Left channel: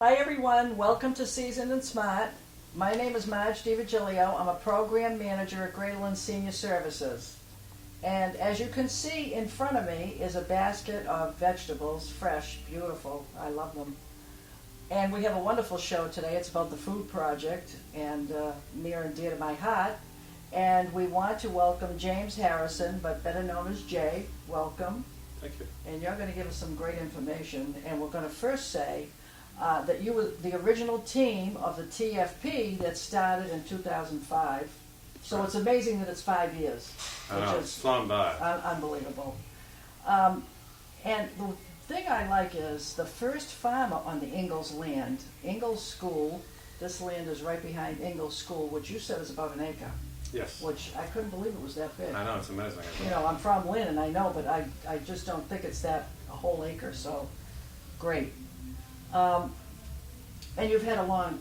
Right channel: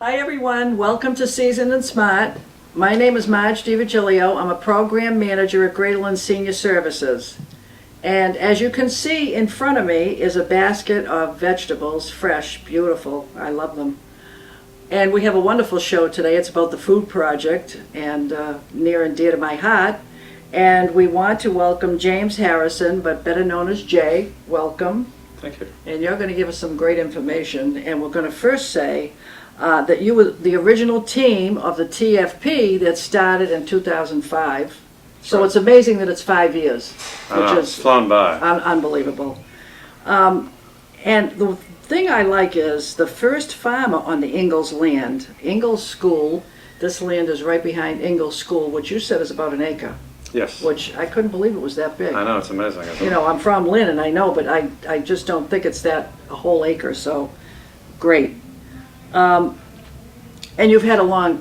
Hi everyone, welcome to Seasoned and Smart. My name is Marge DiVigilio. I'm a program manager at Greater Lynn Senior Services. And as you can see in front of me is a basket of vegetables, fresh, beautiful, I love them. And we have a wonderful show today. It's about the food project and near and dear to my heart. And we want to welcome James Harrison, but better known as Jay. Welcome. Thank you. And you're going to give us some great information. And we're going to first say that you were the original team of the TFP that started in 2005. So it's amazing that it's 5 years, which is flown by. Unbelievable. And the thing I like is the first farmer on the Ingalls land, Ingalls School. This land is right behind Ingalls School, which you said is about an acre. Yes. Which I couldn't believe it was that big. I know, it's amazing. Isn't it? You know, I'm from Lynn and I know, but I just don't think it's that a whole acre, so great. And you've had a long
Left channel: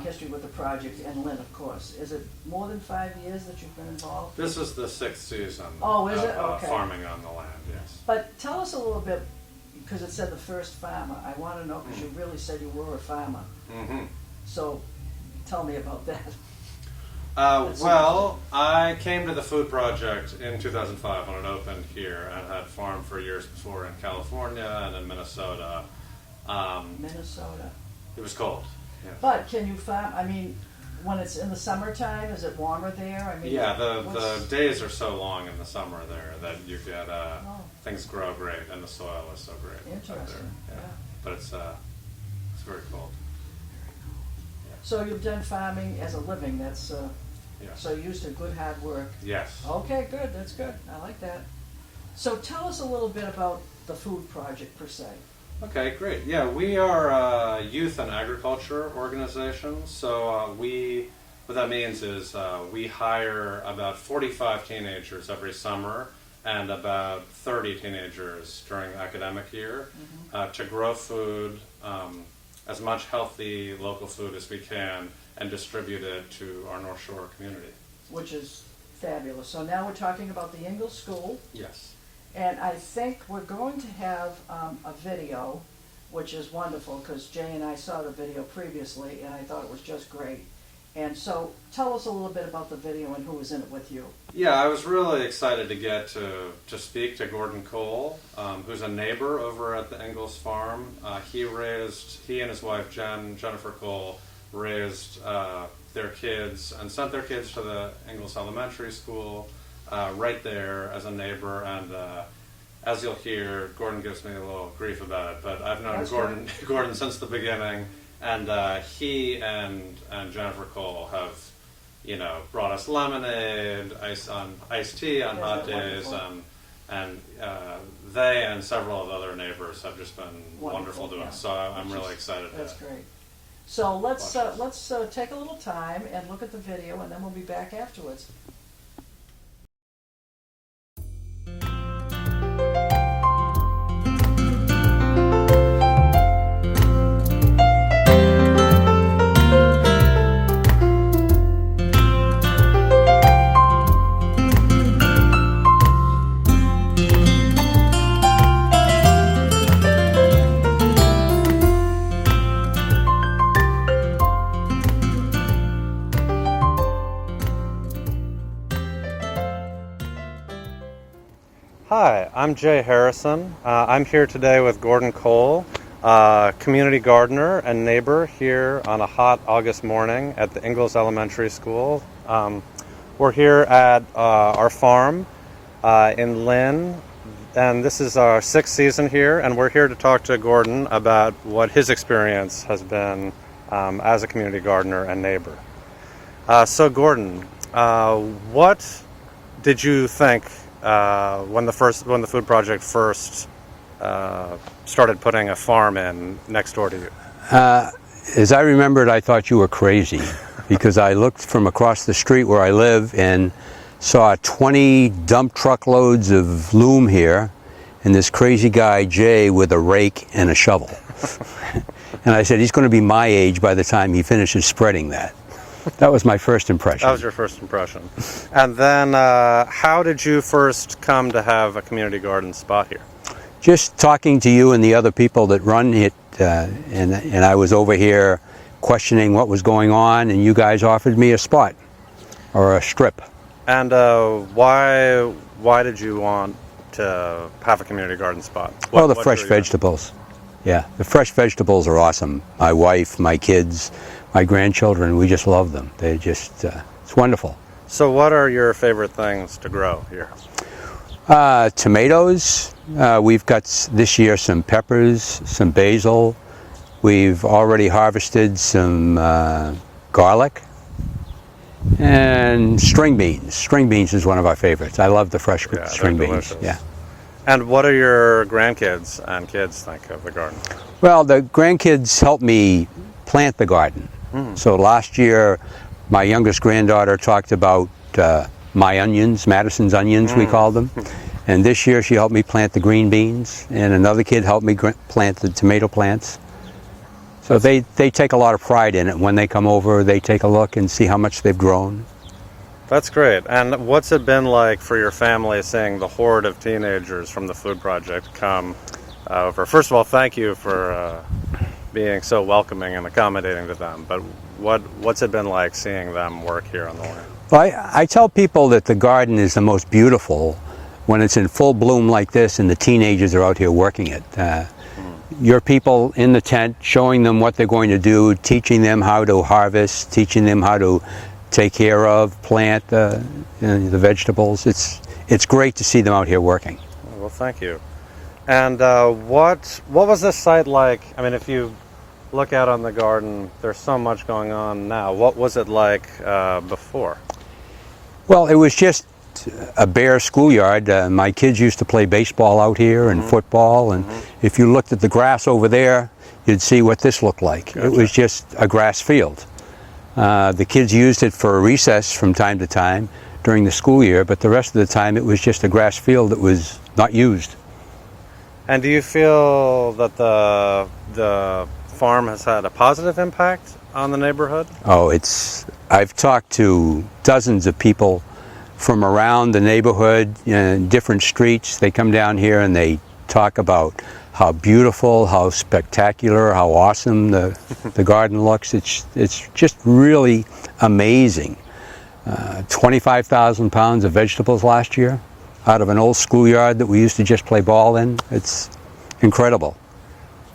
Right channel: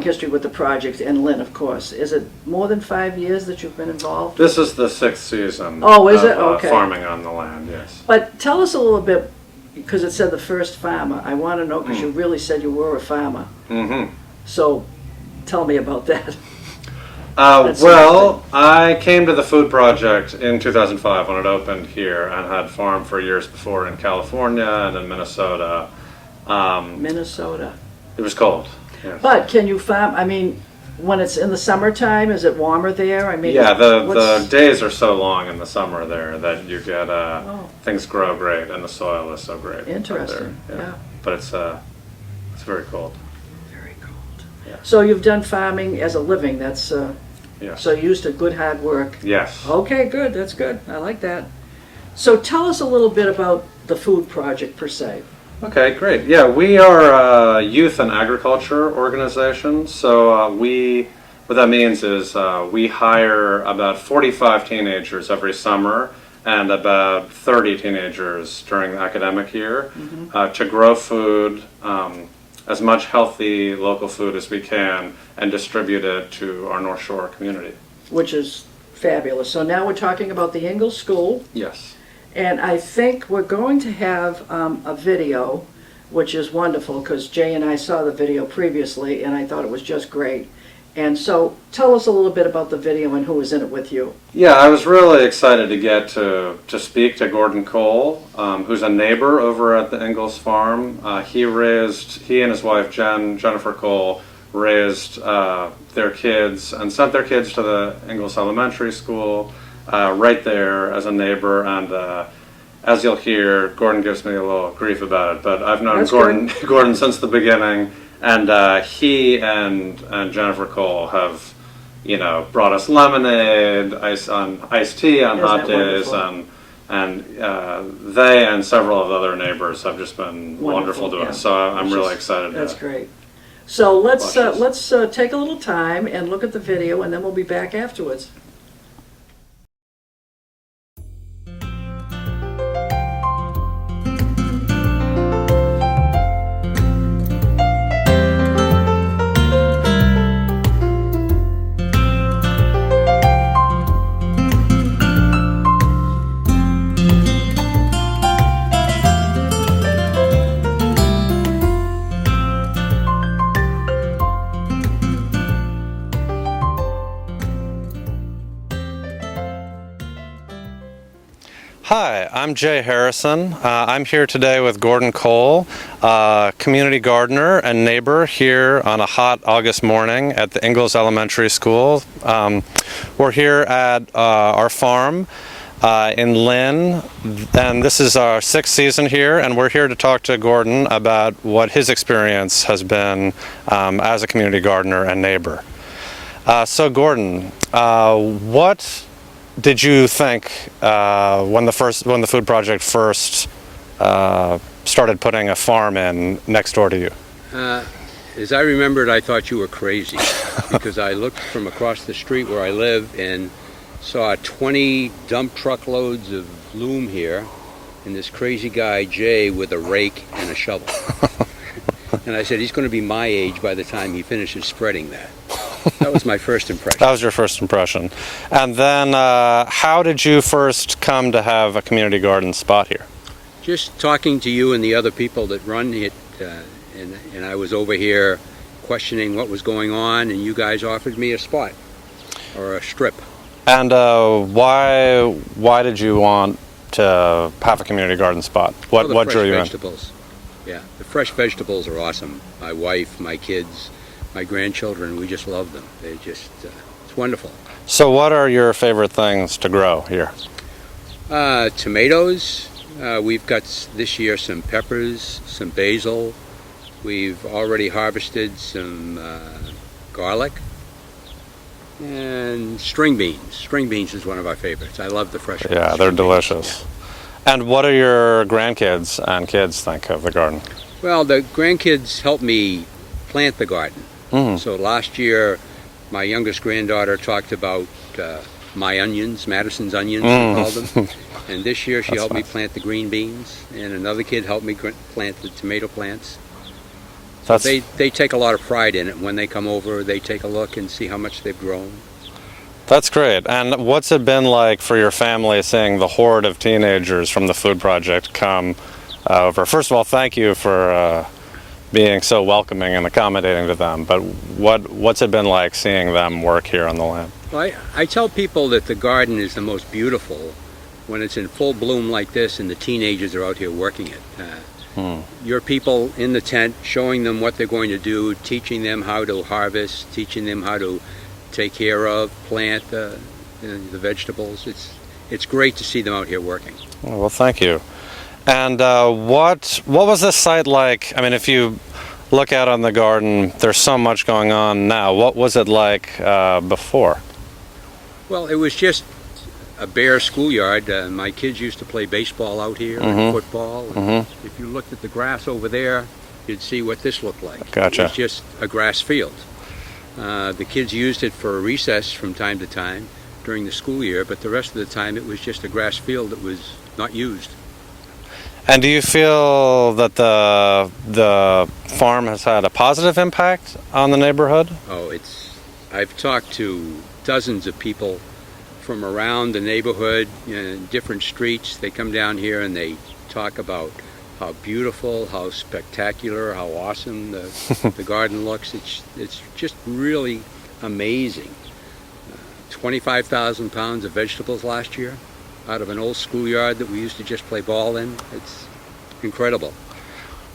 history with the project and Lynn, of course. Is it more than 5 years that you've been involved? This is the 6th season. Oh, is it? Okay. Farming on the land, yes. But tell us a little bit, because it said the first farmer. I want to know, because you really said you were a farmer. Mm-hmm. So tell me about that. Well, I came to the food project in 2005 when it opened here and had farmed for years before in California and in Minnesota. Minnesota. It was cold. Yes. But can you farm, I mean, when it's in the summertime, is it warmer there? I mean, Yeah, the days are so long in the summer there that you get, things grow great and the soil is so great. Interesting, yeah. But it's very cold. Very cold. Yeah. So you've done farming as a living, that's, Yes. so you used to good hard work. Yes. Okay, good, that's good, I like that. So tell us a little bit about the food project per se. Okay, great. Yeah, we are a youth and agriculture organization. So what that means is we hire about 45 teenagers every summer and about 30 teenagers during the academic year to grow food, as much healthy local food as we can, and distribute it to our North Shore community. Which is fabulous. So now we're talking about the Ingalls School. Yes. And I think we're going to have a video, which is wonderful, because Jay and I saw the video previously, and I thought it was just great. And so tell us a little bit about the video and who was in it with you. Yeah, I was really excited to get to speak to Gordon Cole, who's a neighbor over at the Ingalls farm. He and his wife Jennifer Cole raised their kids and sent their kids to the Ingalls Elementary School right there as a neighbor. And as you'll hear, Gordon gives me a little grief about it, but I've known Gordon since the beginning. And he and Jennifer Cole have, brought us lemonade, iced tea on hot days, and they and several of the other neighbors have just been wonderful to us. So I'm really excited. That's great. So let's take a little time and look at the video, and then we'll be back afterwards. Hi, I'm Jay Harrison. I'm here today with Gordon Cole, community gardener and neighbor here on a hot August morning at the Ingalls Elementary School. We're here at our farm in Lynn, and this is our 6th season here, and we're here to talk to Gordon about what his experience has been as a community gardener and neighbor. So Gordon, what did you think when the food project first started putting a farm in next door to you? As I remembered, I thought you were crazy because I looked from across the street where I live and saw 20 dump truckloads of loom here and this crazy guy, Jay, with a rake and a shovel. And I said, he's going to be my age by the time he finishes spreading that. That was my first impression. That was your first impression. And then how did you first come to have a community garden spot here? Just talking to you and the other people that run it and I was over here questioning what was going on, and you guys offered me a spot or a strip. And why did you want to have a community garden spot? The fresh drew you in? vegetables. Yeah, the fresh vegetables are awesome. My wife, my kids, my grandchildren, we just love them. They just, it's wonderful. So what are your favorite things to grow here? Tomatoes. We've got this year some peppers, some basil. We've already harvested some garlic and string beans. String beans is one of our favorites. I love the fresh string beans. Yeah, they're delicious. Yeah. And what do your grandkids and kids think of the garden? Well, the grandkids helped me plant the garden. So last year, my youngest granddaughter talked about my onions, Madison's onions, we called them. And this year she helped me plant the green beans, and another kid helped me plant the tomato plants. So they take a lot of pride in it. When they come over, they take a look and see how much they've grown. That's great. And what's it been like for your family seeing the horde of teenagers from the food project come over? First of all, thank you for being so welcoming and accommodating to them. But what's it been like seeing them work here on the land? Well, I tell people that the garden is the most beautiful when it's in full bloom like this and the teenagers are out here working it. Your people in the tent, showing them what they're going to do, teaching them how to harvest, teaching them how to take care of, plant the vegetables. It's great to see them out here working. Well, thank you. And what was this site like? I mean, if you look out on the garden, there's so much going on now. What was it like before? Well, it was just a bare schoolyard. My kids used to play baseball out here and football, and if you looked at the grass over there, you'd see what this looked like. Gotcha. It was just a grass field. The kids used it for recess from time to time during the school year, but the rest of the time it was just a grass field that was not used. And do you feel that the farm has had a positive impact on the neighborhood? Oh, I've talked to dozens of people from around the neighborhood, different streets. They come down here and they talk about how beautiful, how spectacular, how awesome the garden looks. It's just really amazing. 25,000 pounds of vegetables last year out of an old schoolyard that we used to just play ball in. It's incredible.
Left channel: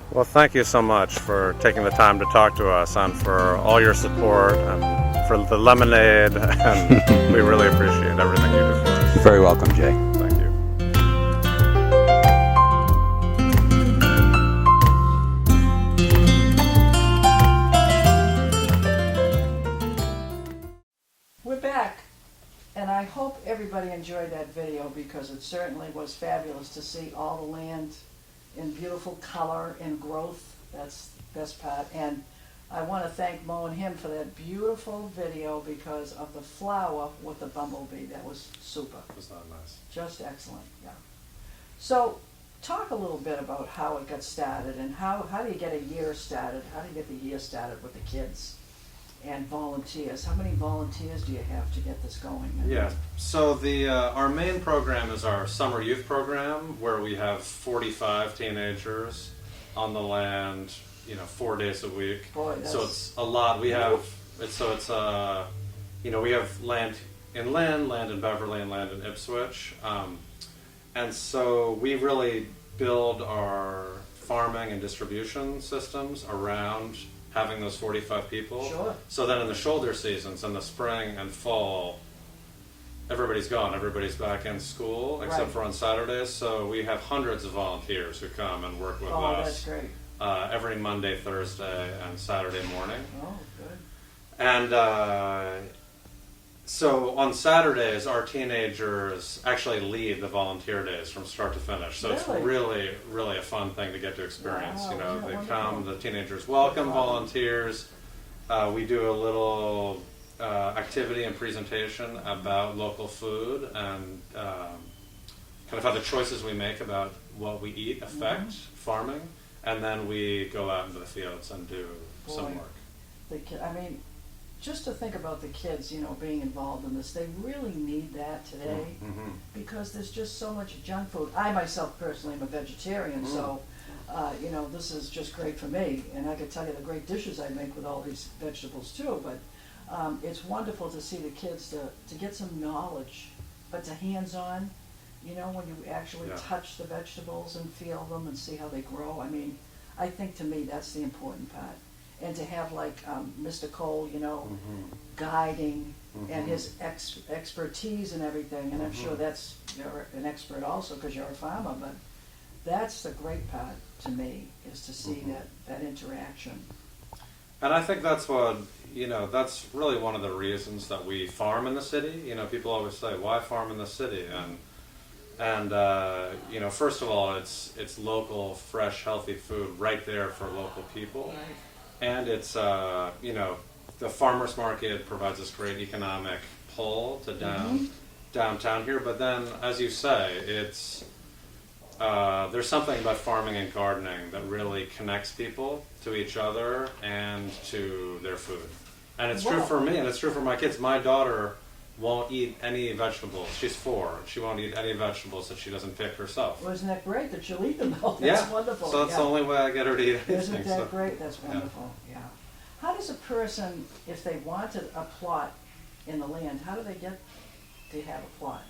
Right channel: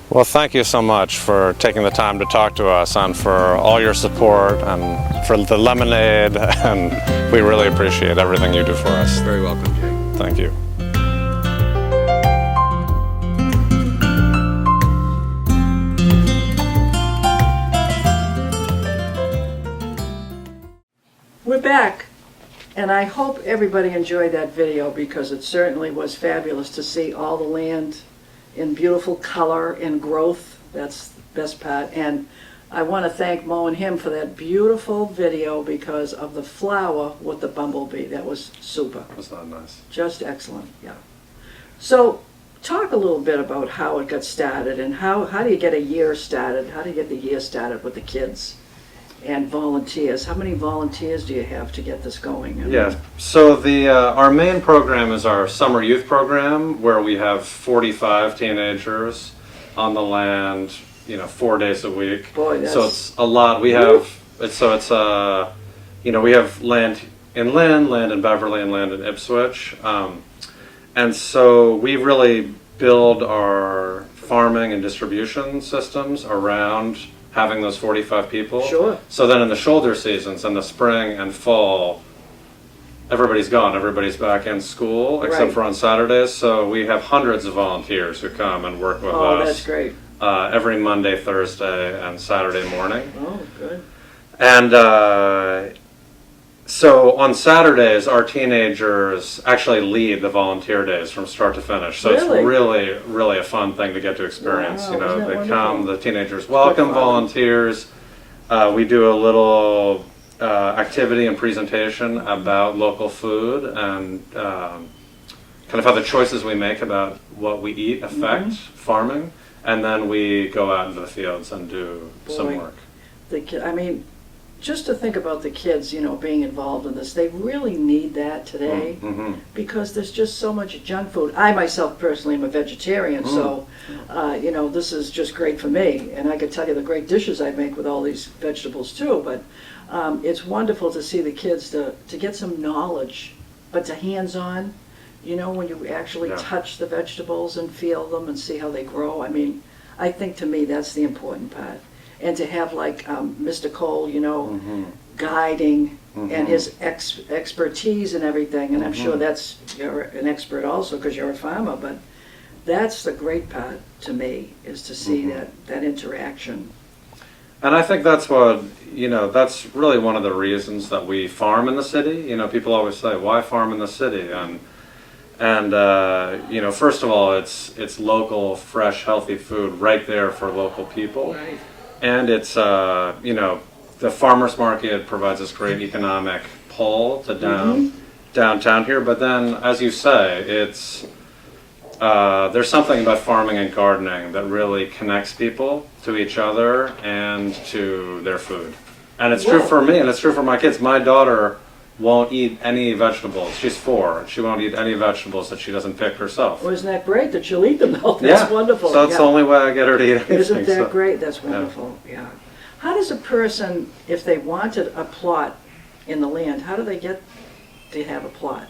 Well, thank you so much for taking the time to talk to us and for all your support and for the lemonade, and we really appreciate everything you do for us. You're very welcome, Jay. Thank you. We're back, and I hope everybody enjoyed that video because it certainly was fabulous to see all the land in beautiful color and growth. That's the best part. And I want to thank Mo and him for that beautiful video because of the flower with the bumblebee. That was super. Was that nice? Just excellent, yeah. So talk a little bit about how it got started and how do you get a year started? How do you get the year started with the kids and volunteers? How many volunteers do you have to get this going? Yeah, so our main program is our summer youth program where we have 45 teenagers on the land, 4 days a week. Boy, that's... So it's a lot. We have, we have land in Lynn, land in Beverly, and land in Ipswich. And so we really build our farming and distribution systems around having those 45 people. Sure. So then in the shoulder seasons, in the spring and fall, everybody's gone. Everybody's back in school, except Right. for on Saturdays. So we have hundreds of volunteers who come and work with Oh, us that's great. every Monday, Thursday, and Saturday morning. Oh, good. And so on Saturdays, our teenagers actually lead the volunteer days from start to finish. So Really? it's really, really a fun thing to get to experience. Wow, isn't that They wonderful? come, the teenagers welcome fun. volunteers. We do a little activity and presentation about local food and kind of how the choices we make about what we eat affect farming. And then we go out into the fields and do some Boy. work. just to think about the kids, you know, being involved in this, they really need that today Mm-hmm. because there's just so much junk food. I myself personally am a vegetarian, so, you know, this is just great for me. And I could tell you the great dishes I make with all these vegetables too, but it's wonderful to see the kids to get some knowledge, but to hands-on, you know, when you actually Yeah. touch the vegetables and feel them and see how they grow. I mean, I think to me that's the important part. And to have like Mr. Cole, you know, Mm-hmm. guiding and Mhm. his expertise and everything, and I'm sure Mhm. you're an expert also because you're a farmer, but that's the great part to me, is to see Mhm. that interaction. And I think that's what, you know, that's really one of the reasons that we farm in the city. You know, people always say, why farm in the city? And you know, first of all, it's local, fresh, healthy food right there for local people. Right. And it's, you know, the farmer's market provides this great economic pull to downtown here. But then, as you say, there's something about farming and gardening that really connects people to each other and to their food. And it's true Well- for me, and it's true for my kids. My daughter won't eat any vegetables. She's 4. She won't eat any vegetables that she doesn't pick herself. Well, isn't that great that you'll eat them though? That's wonderful. So that's yeah. the only way I get her to eat anything. Isn't that so. great? That's wonderful, yeah. How does a person, if they wanted a plot in the land, how do they get to have a plot?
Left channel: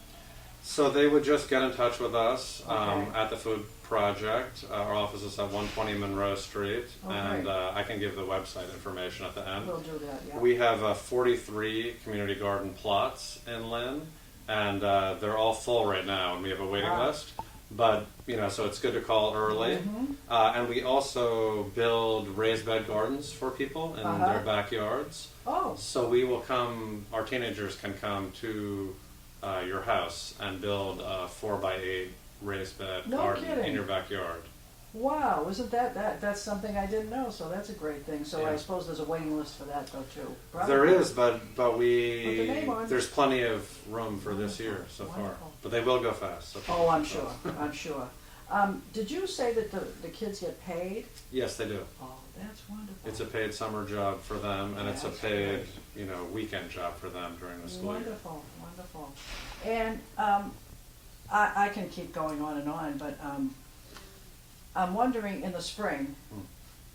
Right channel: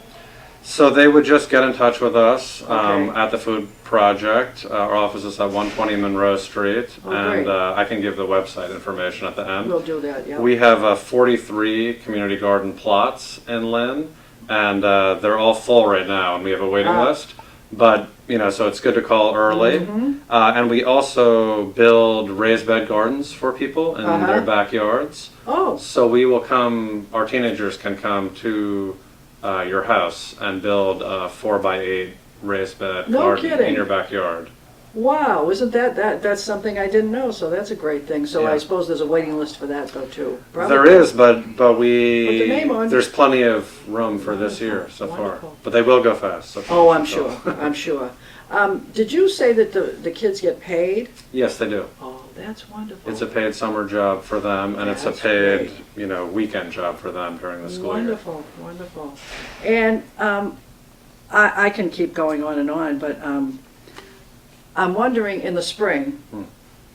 So they would just get in touch with us Okay. at the Food Project. Our office is at 120 Monroe Street, Oh, and great. I can give the website information at the end. We'll do that, yeah. We have 43 community garden plots in Lynn, and they're all full right now, and we have a waiting Ah. list. But, you know, so it's good to call early. Mhm. And we also build raised bed gardens for people in Uh-huh. their backyards. Oh, So we will come, our teenagers can come to your house and build a 4x8 raised bed No garden kidding. in your backyard. wow, isn't that's something I didn't know, so that's a great thing. So Yeah. I suppose there's a waiting list for that though too. There Probably. is, but Put the name on. there's plenty of room for this year so far. Wonderful. But they will go fast. So Oh, I'm sure, I'm sure. Did you say that the kids get paid? Yes, they do. Oh, that's wonderful. It's a paid summer job for them, and it's a That's paid, great. you know, weekend job for them during the school year. Wonderful, wonderful. And I can keep going on and on, but I'm wondering in the spring,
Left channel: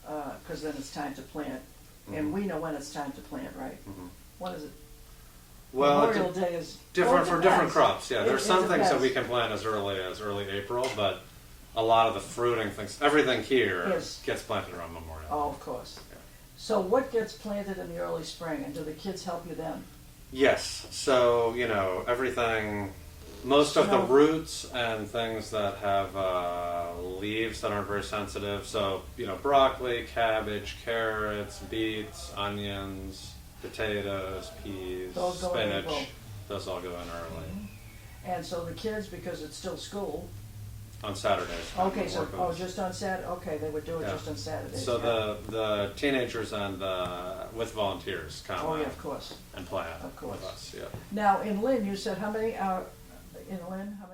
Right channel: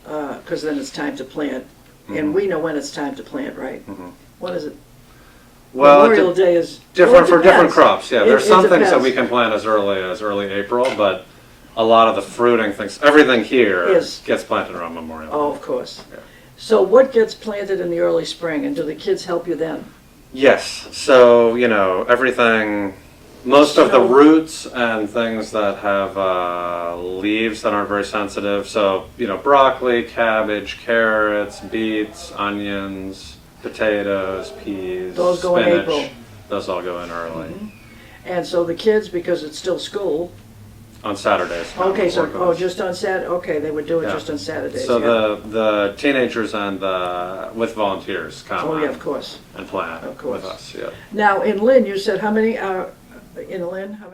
because then it's time to plant, and Mhm. we know when it's time to plant, right? Mhm. What is it? Well, Memorial Day is different well, it for different depends. crops. Yeah, there's It some things that depends. we can plant as early April, but a lot of the fruiting things, everything here gets planted around Memorial Day. Oh, of course. Yeah. So what gets planted in the early spring, and do the kids help you then? Yes, so, you know, everything, most of the So- roots and things that have leaves that aren't very sensitive, so, you know, broccoli, cabbage, carrots, beets, onions, potatoes, peas, Those go in spinach. April. Those all go in early. And so the kids, because it's still school, On Saturdays. okay, so, before it goes. just on okay, they would do it Yeah. just on Saturdays, So yeah. the teenagers and with volunteers come Oh, yeah, of course. and plant Of course. with us, yeah. Now, in Lynn, you said how many are, in Lynn, how